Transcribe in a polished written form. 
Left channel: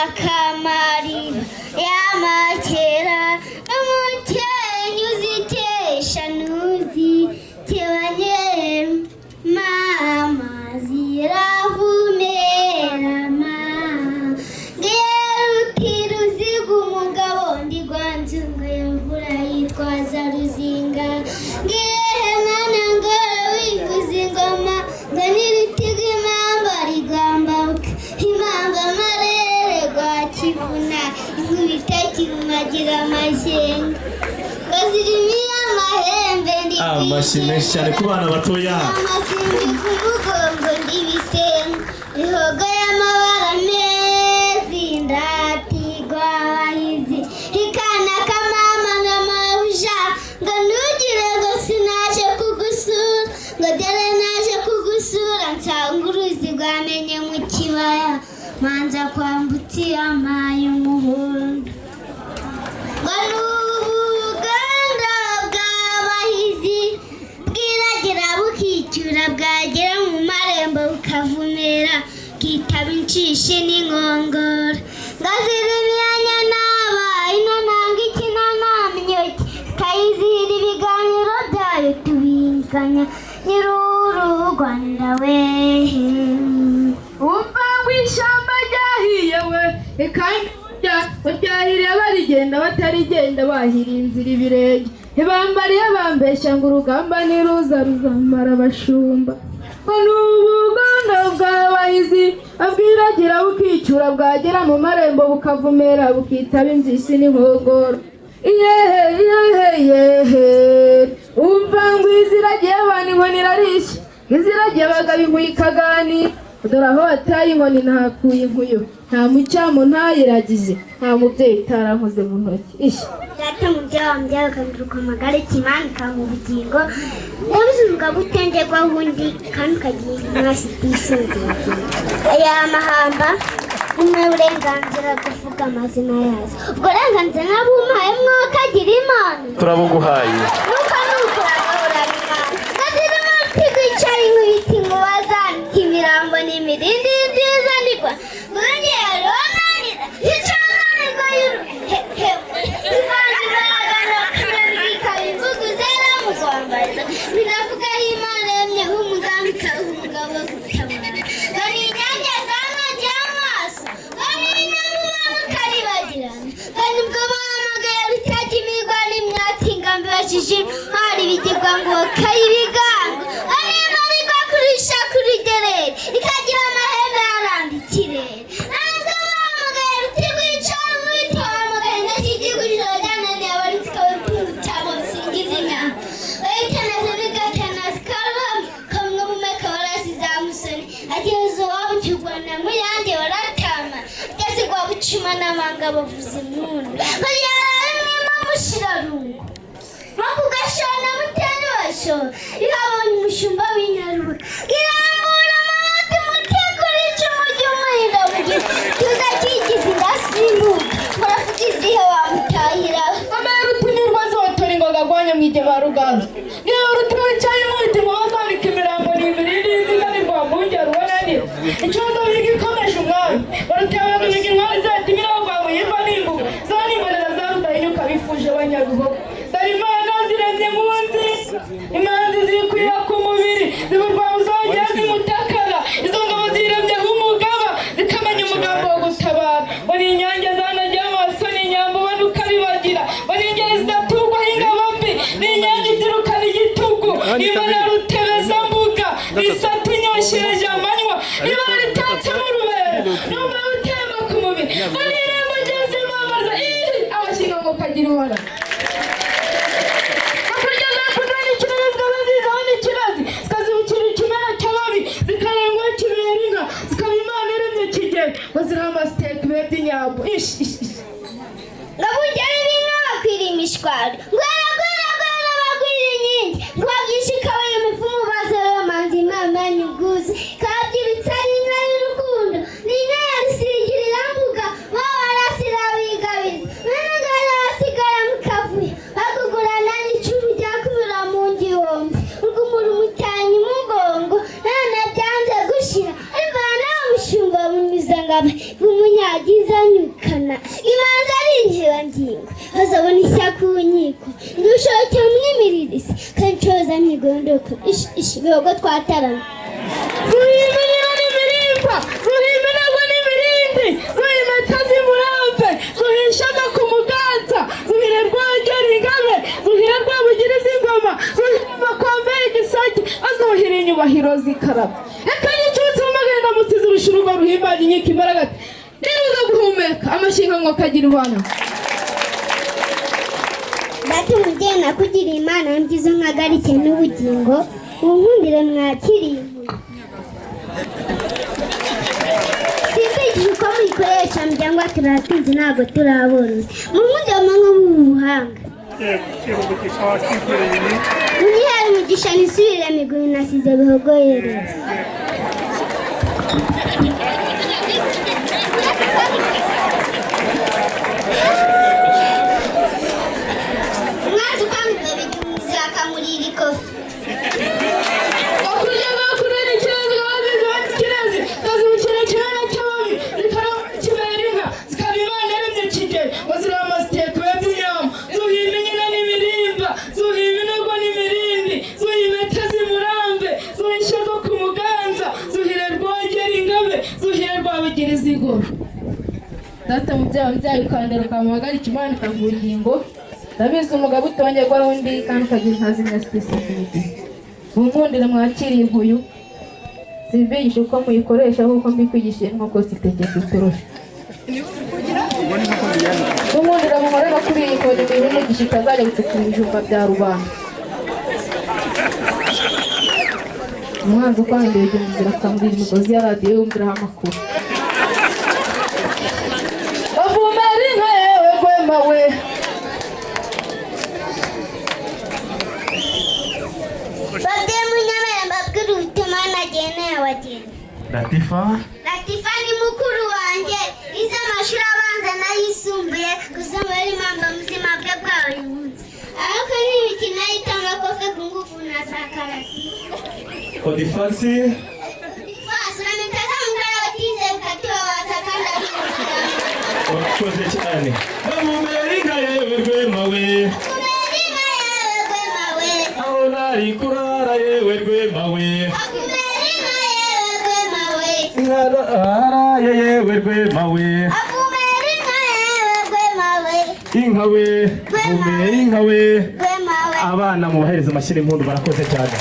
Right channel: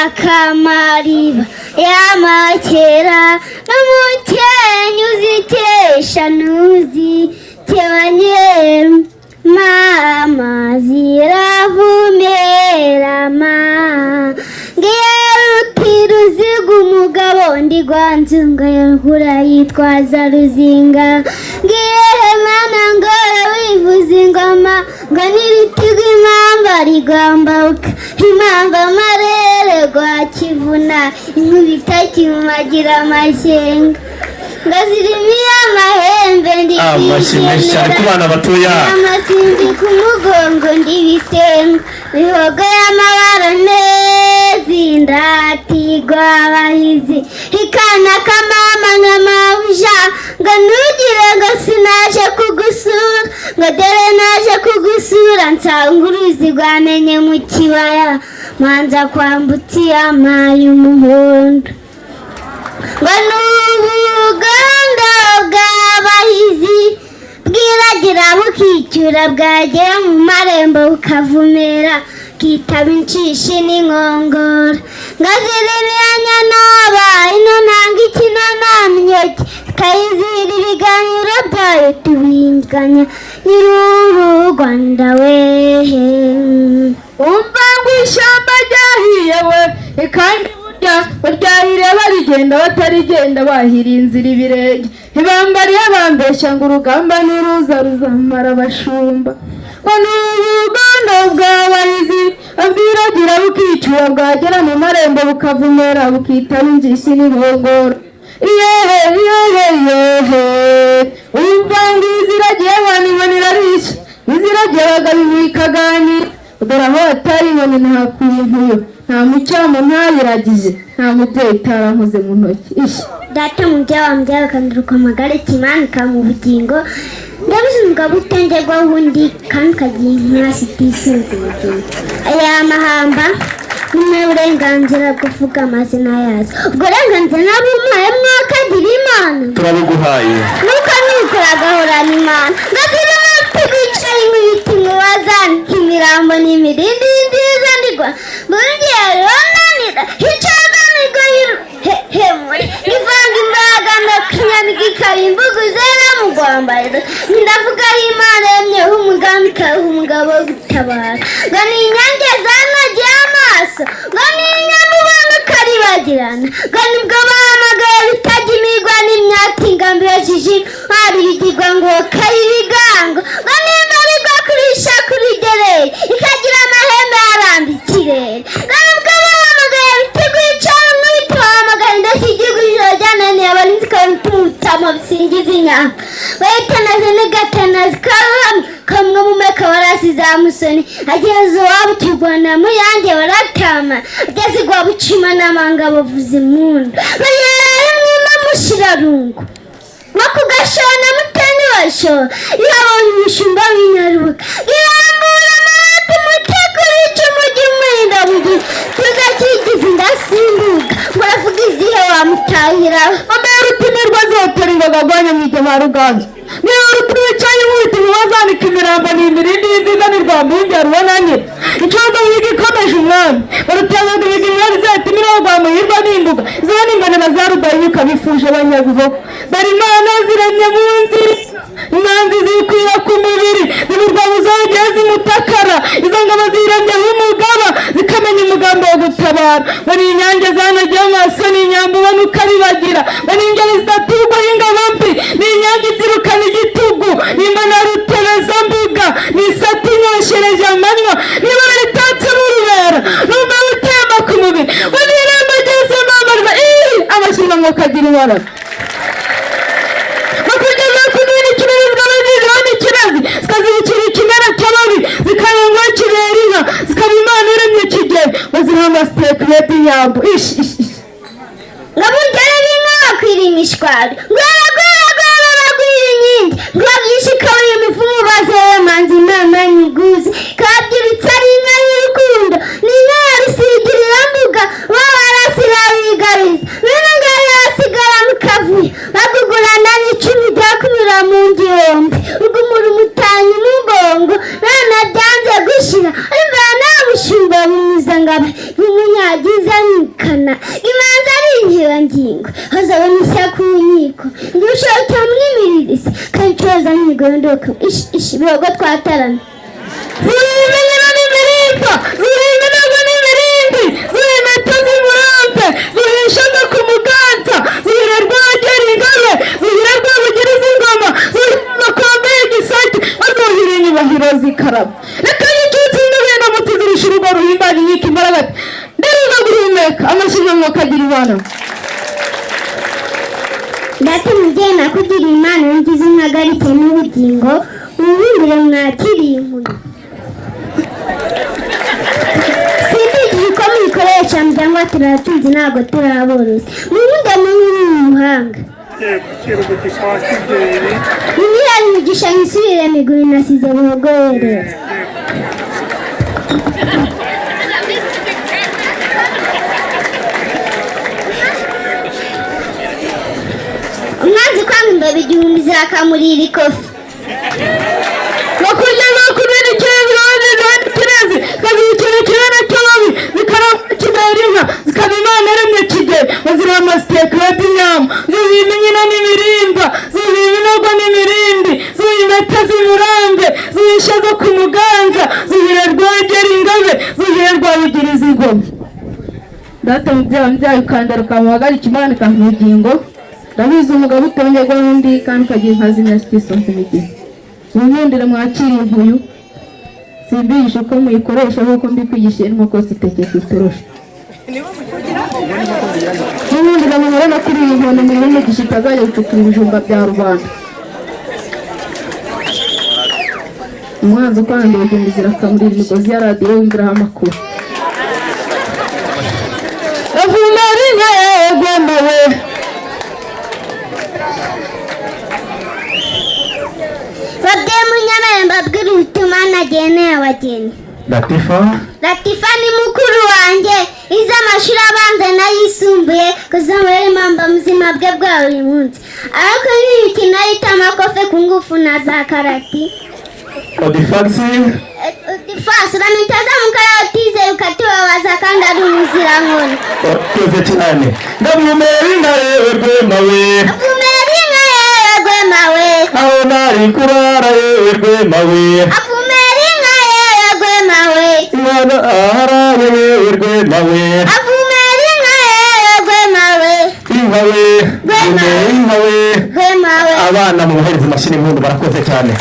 akamariba y'amakera n'umukenyi uzikesha ntuzikebanye mama ziravumera ma ngiye rutiruziga umugabo ndigwanzunga yagura yitwaza ruzinga ngiye mana ngo wivuza ingoma ngo niritiga impamba rigambabuka impamba amarere rwa kivuna inkubita kimumagira amashyenga ngazirimiye amahembe ndibishimye cyane ku bana batoya amasimbi ku mugongo ndibisenga bihogo y'amabara meza indatigwa abahizi ikana kamama nk'amabuja ngo ntugire ngo sinaje kugusura ngo dore naje kugusura nsanga uruzi rwamenye mu kibaya manza kwambutsa iyama y'umuhondo ngo n'ubuganda bw'abahizi bwiragira bukicyura bwagera mu marembo bukavumera bwitaba inshishi n'inkongoro ngaziririanya n'aba ino ntanga ikino ntamyeke kayizira ibiganiro byayo tubinganya nyir'uru Rwanda wehe umva ngo ishyamba ryahiye we kandi baryahireba rigenda batarigenda bahira inzira ibirenge ntibambariye bambeshya ngo urugamba niruza ruzamara abashumba ngo n'ubuganda bw'abahizi bwiragira bukicura bwagera mu marembo bukavumera bukitaba injisi n'inkongoro yehe umva ngo iziragiye abantu ibona irarisha iziragiye abagabo ikaganira dore aho bataribona nta kw'ivuyo nta mucamo ntayiragize nta mubyeyi utaramuze mu ntoki ishi data mubyeyi wambyaye akanduruka amagare kimanika mu bugingo ndabizi umugabo utengerwaho undi kandi ukagira intasi itisuka aya mahamba n'uburenganzira kuvuga amazina yazo ubwo burenganzira nabumuhaye mwakagira imana turabuguhaye nuko agahorana imana ndazira twicaye nk'ibiti mubazanika imirambo n'imirindi nziza ndigwa mugiye ronanira hicaganirwa hemuri ivanga imbaraga ndakanyana gikarimbugu zera mu rwambariza ndavuga ari imana yemyeho umugambi ikaruha umugabo wo gutabara ngo ni inyange zanagiye amaso ngo ni inyamubona ukaribagirana ngo nibwo bahamagaye bitajya imigwa n'imyaka ingambi yojije hari ibigirwa ngo kari ibigango ngo n'imbarigwa kurisha kurigereye ikagira amahembe yarambikire ngo nibwo bahamagaye biteguye icana n'ubiti bahamagaye indashyigirwa ijoro ryananiye abarinzi kabitutamo bisingiza inyama bayitanaze n'agatenazi karuhamye kamwe mu meka warasize amusoni ageze iwabo ukirwana muyange baratama ageze iwabo ucima n'amanga bavuza impundu bayirara mwima mushirarungu no kugashona muteni washora yabonye umushumba w'inyaruka irambura amabati mutegura icumu ry'umuhinda mugihe tuzakigize indasimbuka muravuga izihe wamutahira ambaye rupimirwa zoterera bagwanye mu ijya ba ruganzu niyo rupima cyane nk'ubiti mubazanika imirambo n'imirindi y'inziza n'irwambunge rubonanye ikibazo wiga ikomeje umwami barutemaga ibiga imwari zatumira bagwa yirwa n'imbuga ziba n'ingana na za rudayinyuka bifuje abanyabihogo dore imana ziremye mu nziza imanzi zikwira ku mubiri zibirwa buzogera zimutakara izo ngabo ziremyeho umugaba zikamenya umugambi wo gutabara ngo ni inyange zanagiye amaso n'inyambo ubona ukabibagira ngo ni ingeri zidaturwaho ingabo mbi ni inyange izirukana igitugu n'imana rutebezambuga ni isati inyoshereje amanywa niba ritatse mu rubera numva rutemba ku mubiri ngo ni irembo ryose mamariza amashyirwa ngo kagira ibara bakugeza ku nini kibarizwa bagizeho n'ikibazi zikazibukira ikimera cy'ababi zikarengwa kibera inka zikaba imana iremye kigeri baziriho amasitekureti yabo ngo mugere n'inka bakwira imishwari ngo bagwira inkingi ngo babyishikaye imifumu bazeye manzi imana nyiguzi kabyirutse ari inka y'urukundo ni inka yarusigirira mbuga babarasira bigariza bene ngaho yasigara mu kavuyo bagugurana n'icumi ryakumira mu ngihombe rugumura umutanyi mugongo nana byanze gushira imvana mushumba bimuza ngabe bimunyagiza imana imanza ari inkebangingo hazabona ishya ku nkiko ngushoke mwimiririsi kandi coza nkigondoka ibirogo twataramye Zuhimenyera n'imirimba, zuhimenyerwa n'imirindi, zuhimeta z'imurampe, zuhishaga ku muganza, zuhirerwa agera ingabe, zuhirerwa bugiriza ingoma, zuhirerwa kwambaye igisage, bazuhira inyubahiro zikaraba. Reka y'icyutsi n'ubenda mutizirisha urugo ruhimbanye inkiko imbaraga. Nderuza guhumeka, amashinga mwokagira ibana. ndati mubyeyi nakugiriye imana ngize impagarike n'ubugingo mubumbire mwakiriye inkuru sinzigije uko mubikoresha muryango turatuzi ntabwo turaborozi mumugamo nk'umuhanga mumihari imigisha misubire miguri nasize buhogorere umwanzi kwanga imbeba igihumbi zirakamurira ikofi Wakurya bakurira ikirezi wazizana ikirezi kazikira ikirana cy'amabi zikaramba kidahirima zikaba imana yaremye kigeli bazira amasiteka y'inyama zuhimenyera n'imirimba zuhimenyerwa n'imirindi zuhimeta z'imurambe zuhishaga ku muganza zuhirerwa agera ingabe zuhirerwa bugiriza ingoma data mubyaye ukandaruka muhagarike imana ikaha ubugingo ndabizi umugabo utongerwa n'undi kandi ukagira inka z'inasitiso ku migihe mwumundire mwakira impuyu simbigisha uko muyikoresha nk'uko mbikwigishiye nkuko zitegeka itorosha mwumundire muhore no kuri iyi nkoni murebe umugisha itazajya gutukura ibijumba bya rubanda umwanzi ukwanga ibijumba zirakamurira imigozi ya radiyo wumviraho amakuru avumera inka yegombawe babyeyi munyana mbabwira ubutumwa nageneye abageni Latifa ni mukuru wanjye ize amashuri abanza n'ayisumbuye kuzamura impamba muzima bwe bwa buri munsi ariko n'imikino y'itamakofe ku ngufu na za karati Odifasi uramitaza mukaratize ukatubabaza kandi ari umuzirankoni Wakoze cyane ndamumera inka yewe rwemawe afumera inka yewe rwemawe aho nari kurara yewe rwemawe afumera inka yewe rwemawe imana aharawe yewe rwemawe afumera inka yewe rwemawe inkawe Rwemawe. inkawe rwemawe abana muhereza amashyi y'impundu barakoze cyane